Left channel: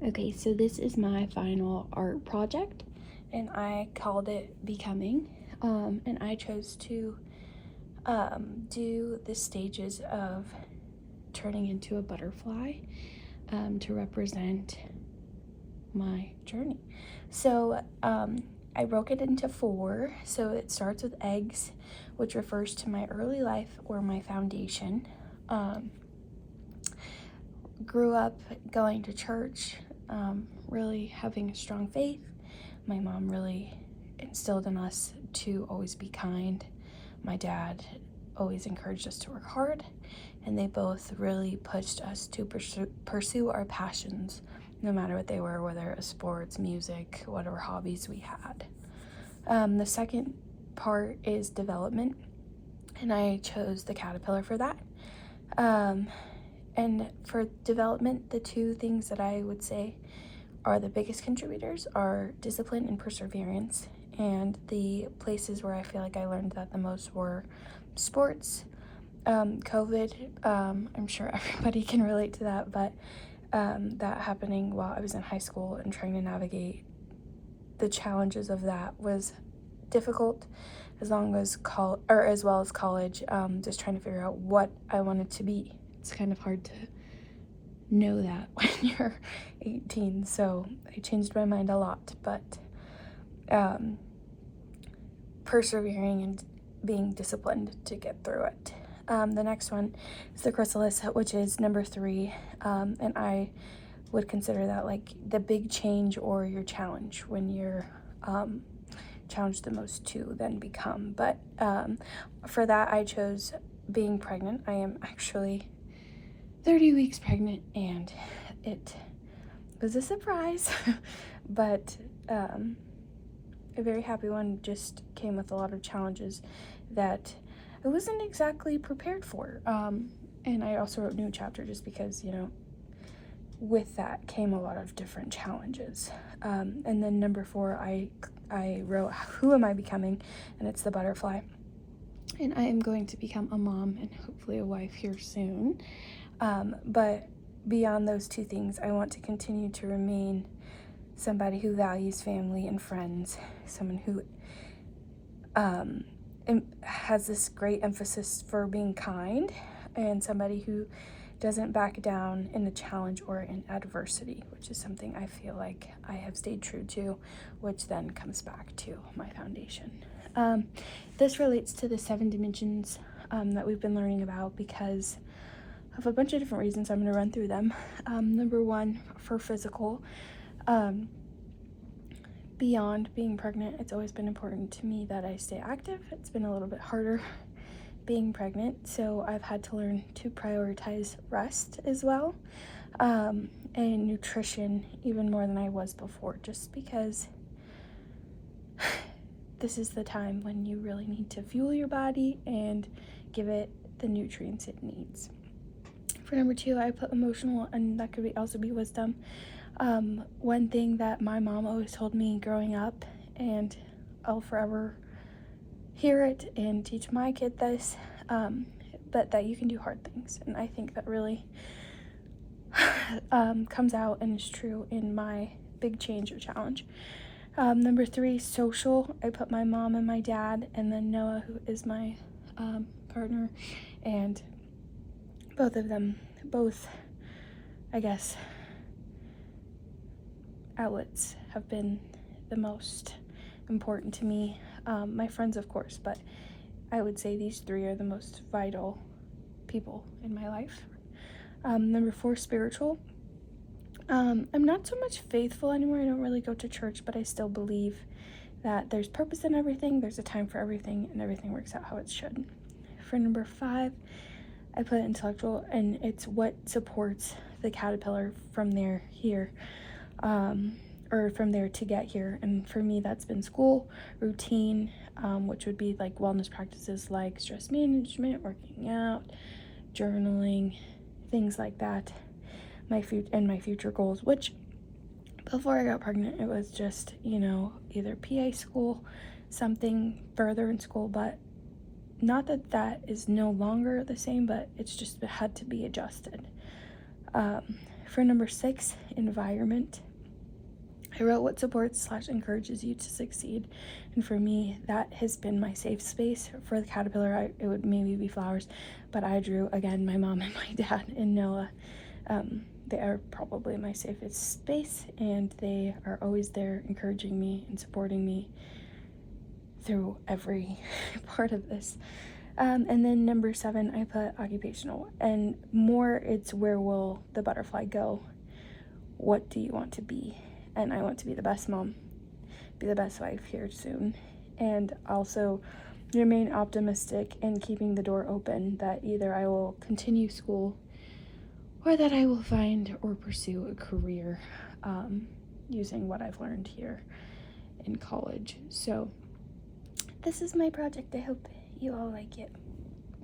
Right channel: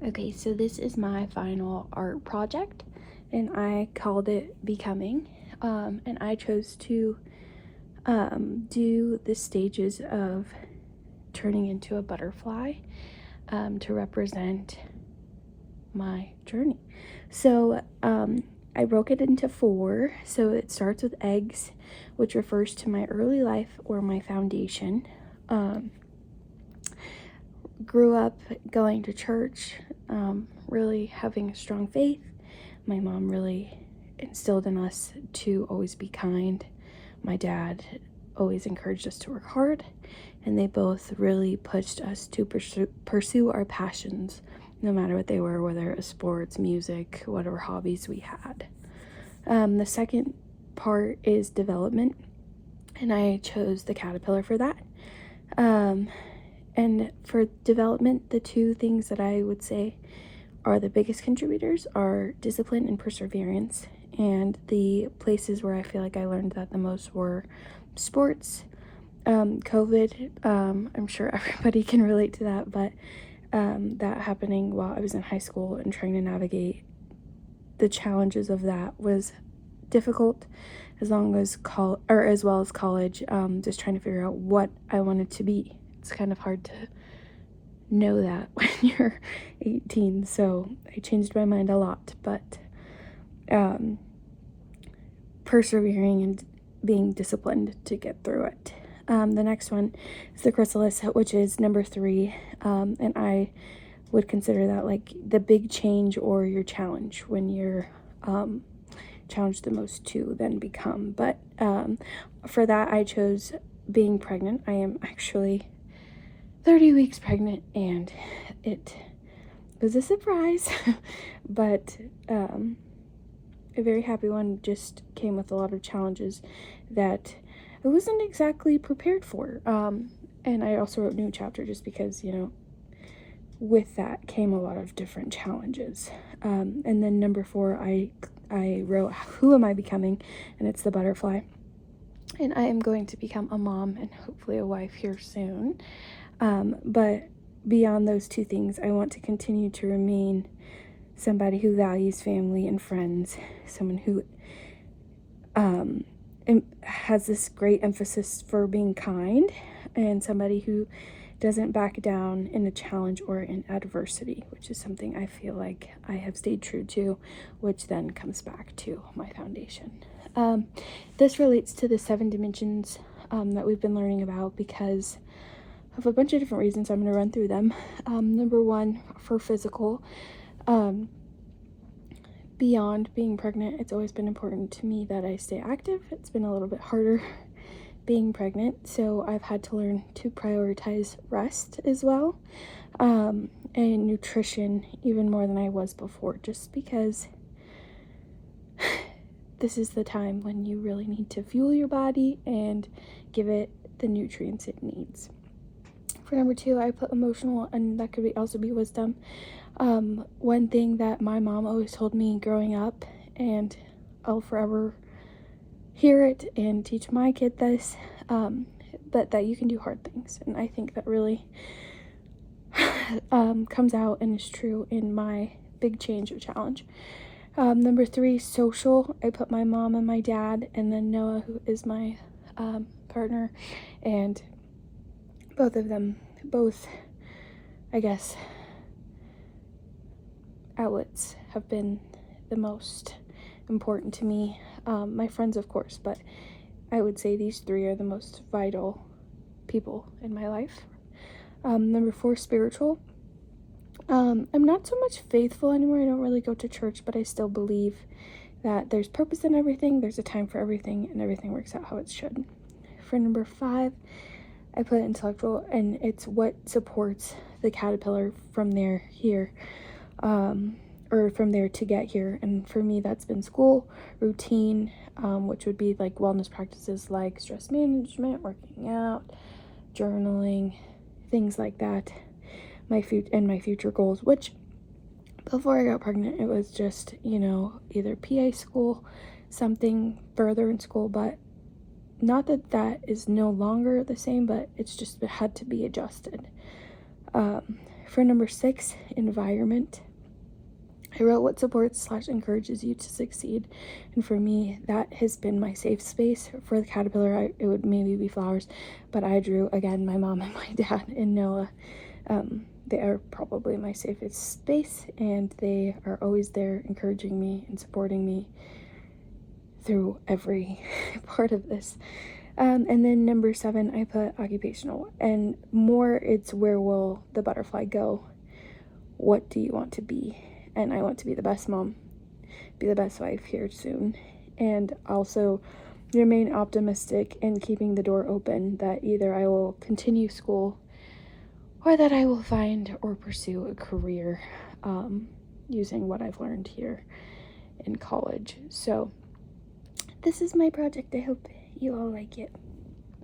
Okay, so this is my final art project, and I called it Becoming. And I chose to do the stages of turning into a butterfly to represent my journey. So I broke it into 4. So it starts with eggs, which refers to my early life or my foundation. Grew up going to church, really having a strong faith. My mom really instilled in us to always be kind. My dad always encouraged us to work hard, and they both really pushed us to pursue our passions, no matter what they were, whether it was sports, music, whatever hobbies we had. The second part is development, and I chose the caterpillar for that. And for development, the 2 things that I would say are the biggest contributors are discipline and perseverance. And the places where I feel like I learned that the most were sports, COVID. I'm sure everybody can relate to that, but that happening while I was in high school and trying to navigate the challenges of that was difficult, as well as college, just trying to figure out what I wanted to be. It's kind of hard to know that when you're 18, so I changed my mind a lot, but persevering and being disciplined to get through it. The next one is the chrysalis, which is number 3, and I would consider that like the big change or your challenge when you're challenged the most to then become. But for that, I chose being pregnant. I am actually 30 weeks pregnant, and it was a surprise, but a very happy one. Just came with a lot of challenges that I wasn't exactly prepared for. And I also wrote a new chapter just because, with that came a lot of different challenges. And then number 4, I wrote, who am I becoming? And it's the butterfly. And I am going to become a mom and hopefully a wife here soon. But beyond those 2 things, I want to continue to remain somebody who values family and friends, someone who has this great emphasis for being kind, and somebody who doesn't back down in a challenge or in adversity, which is something I feel like I have stayed true to, which then comes back to my foundation. This relates to the 7 dimensions that we've been learning about because of a bunch of different reasons. I'm going to run through them. Number 1, for physical, beyond being pregnant, it's always been important to me that I stay active. It's been a little bit harder being pregnant, so I've had to learn to prioritize rest as well, and nutrition even more than I was before, just because this is the time when you really need to fuel your body and give it the nutrients it needs. For number 2, I put emotional, and that could also be wisdom. One thing that my mom always told me growing up, and I'll forever hear it and teach my kid this, but that you can do hard things. And I think that really comes out and is true in my big change or challenge. Number 3, social. I put my mom and my dad, and then Noah, who is my partner, and both of them, I guess, outlets have been the most important to me. My friends, of course, but I would say these 3 are the most vital people in my life. Number 4, spiritual. I'm not so much faithful anymore. I don't really go to church, but I still believe that there's purpose in everything, there's a time for everything, and everything works out how it should. For number 5, I put intellectual, and it's what supports the caterpillar from there here, or from there to get here. And for me, that's been school, routine, which would be like wellness practices like stress management, working out, journaling, things like that. My future goals, which before I got pregnant, it was just, either PA school, something further in school, but not that that is no longer the same, but it's just had to be adjusted. For number 6, environment, I wrote what supports / encourages you to succeed. And for me, that has been my safe space. For the caterpillar, it would maybe be flowers, but I drew, again, my mom and my dad and Noah. They are probably my safest space, and they are always there encouraging me and supporting me through every part of this. And then number 7, I put occupational, and more it's where will the butterfly go? What do you want to be? And I want to be the best mom, be the best wife here soon, and also remain optimistic and keeping the door open that either I will continue school or that I will find or pursue a career using what I've learned here in college. So this is my project. I hope you all like it.